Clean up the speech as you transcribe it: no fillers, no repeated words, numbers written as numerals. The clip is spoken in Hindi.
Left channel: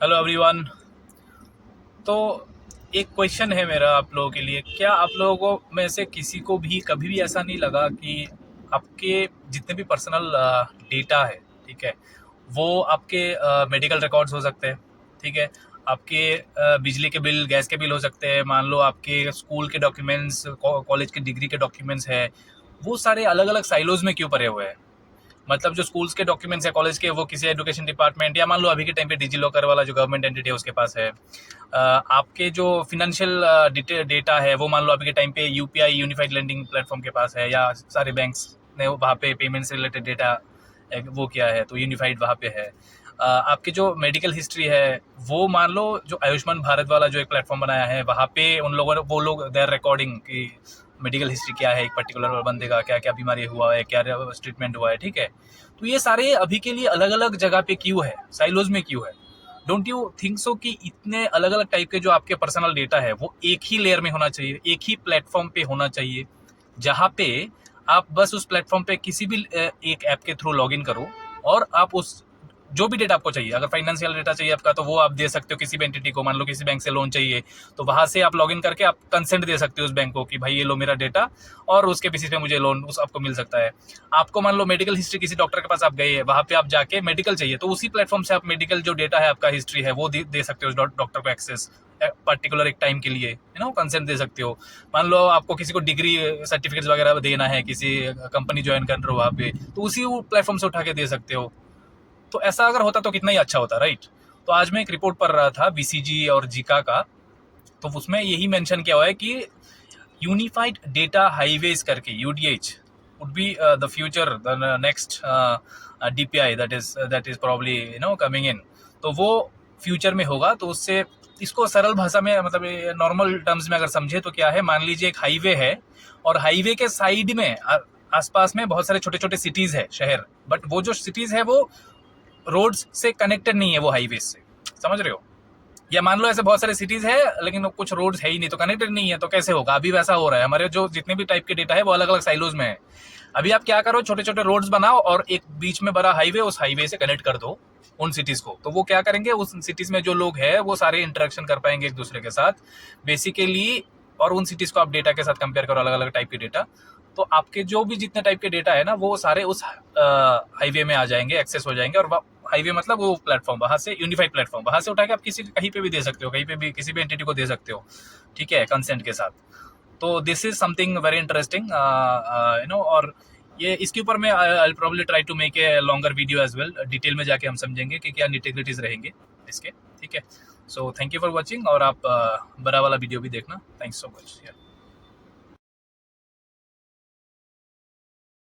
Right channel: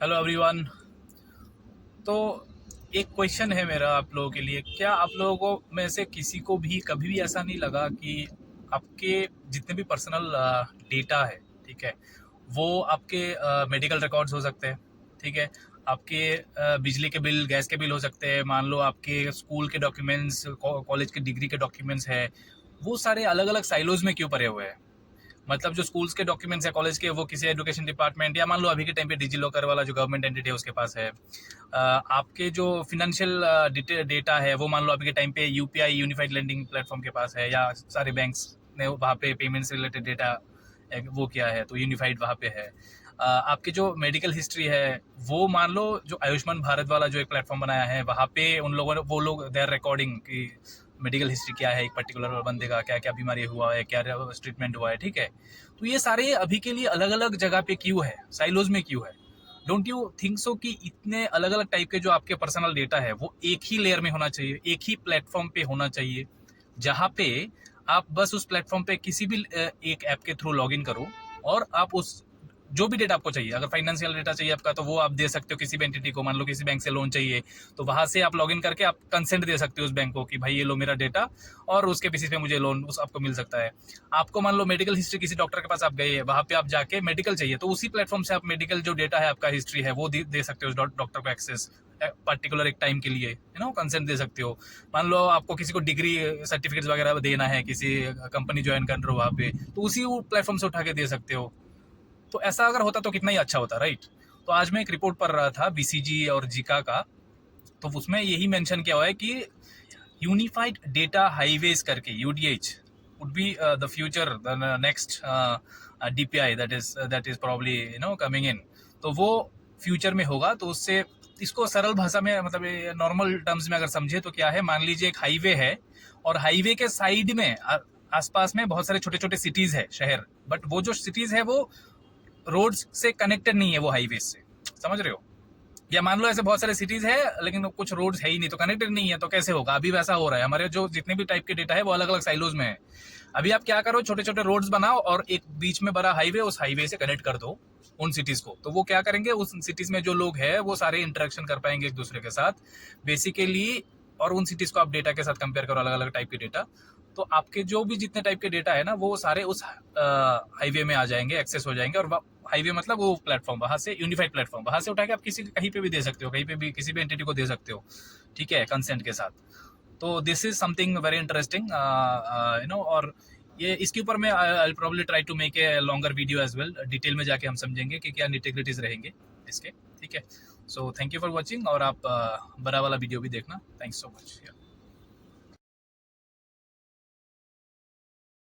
Hello everyone. तो एक क्वेश्चन है मेरा आप लोगों के लिए। क्या आप लोगों को में से किसी को भी कभी भी ऐसा नहीं लगा कि आपके जितने भी पर्सनल डेटा है, ठीक है, वो आपके मेडिकल रिकॉर्ड्स हो सकते हैं, ठीक है, आपके बिजली के बिल, गैस के बिल हो सकते हैं, मान लो आपके स्कूल के डॉक्यूमेंट्स, कॉलेज की डिग्री के डॉक्यूमेंट्स है, वो सारे अलग अलग साइलोज में क्यों पड़े हुए हैं? मतलब जो स्कूल्स के डॉक्यूमेंट्स है कॉलेज के, वो किसी एजुकेशन डिपार्टमेंट या मान लो अभी के टाइम पे डिजी लॉकर वाला जो गवर्नमेंट एंटिटी है उसके पास है। आपके जो फिनेंशियल डेटा है वो मान लो अभी के टाइम पे यूपीआई यूनिफाइड लेंडिंग प्लेटफॉर्म के पास है, या सारे बैंक्स ने वहाँ पे पेमेंट से रिलेटेड डेटा वो किया है, तो यूनिफाइड वहाँ पे है। आपके जो मेडिकल हिस्ट्री है वो मान लो जो आयुष्मान भारत वाला जो एक प्लेटफॉर्म बनाया है वहाँ पे उन लोगों ने वो लोग देर रिकॉर्डिंग की मेडिकल हिस्ट्री क्या है, एक पर्टिकुलर बंदे का क्या क्या बीमारी हुआ है, क्या ट्रीटमेंट हुआ है, ठीक है। तो ये सारे अभी के लिए अलग अलग जगह पे क्यों है, साइलोज में क्यों है? डोंट यू थिंक सो कि इतने अलग अलग टाइप के जो आपके पर्सनल डेटा है वो एक ही लेयर में होना चाहिए, एक ही प्लेटफॉर्म पे होना चाहिए, जहाँ पे आप बस उस प्लेटफॉर्म पे किसी भी एक ऐप के थ्रू लॉग इन करो और आप उस जो भी डेटा आपको चाहिए, अगर फाइनेंशियल डेटा चाहिए आपका तो वो आप दे सकते हो किसी भी एंटिटी को। मान लो किसी बैंक से लोन चाहिए तो वहां से आप लॉगिन करके आप कंसेंट दे सकते हो उस बैंक को कि भाई ये लो मेरा डेटा, और उसके बेसिस पे मुझे लोन उस आपको मिल सकता है। आपको मान लो मेडिकल हिस्ट्री, किसी डॉक्टर के पास आप गए, वहां पे आप जाके मेडिकल चाहिए तो उसी प्लेटफॉर्म से आप मेडिकल जो डेटा है आपका हिस्ट्री है वो दे सकते हो उस डॉक्टर को एक्सेस पर्टिकुलर एक टाइम के लिए, कंसेंट दे सकते हो। मान लो आपको किसी को डिग्री सर्टिफिकेट्स वगैरह देना है, किसी कंपनी ज्वाइन कर रहे हो वहाँ पे, तो उसी प्लेटफॉर्म से उठा के दे सकते हो। तो ऐसा अगर होता तो कितना ही अच्छा होता, राइट? तो आज मैं एक रिपोर्ट पढ़ रहा था बीसीजी और जीका का, तो उसमें यही मेंशन किया हुआ है कि यूनिफाइड डेटा हाईवेज करके UDH would be the future, the next DPI that is probably coming in. तो वो फ्यूचर में होगा। तो उससे इसको सरल भाषा में, मतलब नॉर्मल टर्म्स में अगर समझे तो क्या है, मान लीजिए एक हाईवे है और हाईवे के साइड में आसपास में बहुत सारे छोटे छोटे सिटीज है, शहर, बट वो जो सिटीज है वो रोड्स से कनेक्टेड नहीं है, वो हाईवे से, समझ रहे हो? या मान लो ऐसे बहुत सारे सिटीज है लेकिन कुछ रोड्स है ही नहीं, तो कनेक्टेड नहीं है, तो कैसे होगा? अभी वैसा हो रहा है, हमारे जो जितने भी टाइप के डेटा है वो अलग अलग साइलोज में है। अभी आप क्या करो, छोटे छोटे रोड्स बनाओ और एक बीच में बड़ा हाईवे, उस हाईवे से कनेक्ट कर दो उन सिटीज को। तो वो क्या करेंगे, उस सिटीज में जो लोग हैं वो सारे इंटरेक्शन कर पाएंगे एक दूसरे के साथ बेसिकली। और उन सिटीज को आप डेटा के साथ कंपेयर करो, अलग अलग टाइप के डेटा, तो आपके जो भी जितने टाइप के डेटा है ना वो सारे उस हाईवे में आ जाएंगे, एक्सेस हो जाएंगे। और हाईवे मतलब वो प्लेटफॉर्म, वहां से यूनिफाइड प्लेटफॉर्म, वहां से उठा के आप किसी कहीं पे भी दे सकते हो, कहीं पे भी किसी भी एंटिटी को दे सकते हो, ठीक है, कंसेंट के साथ। तो this is something very interesting, और ये इसके ऊपर मैं I probably try to make a longer video as well, detail में जाके हम समझेंगे कि क्या निटिग्रिटीज रहेंगे इसके, ठीक है। So thank you for watching, और आप बड़ा वाला वीडियो भी देखना। Thanks so much.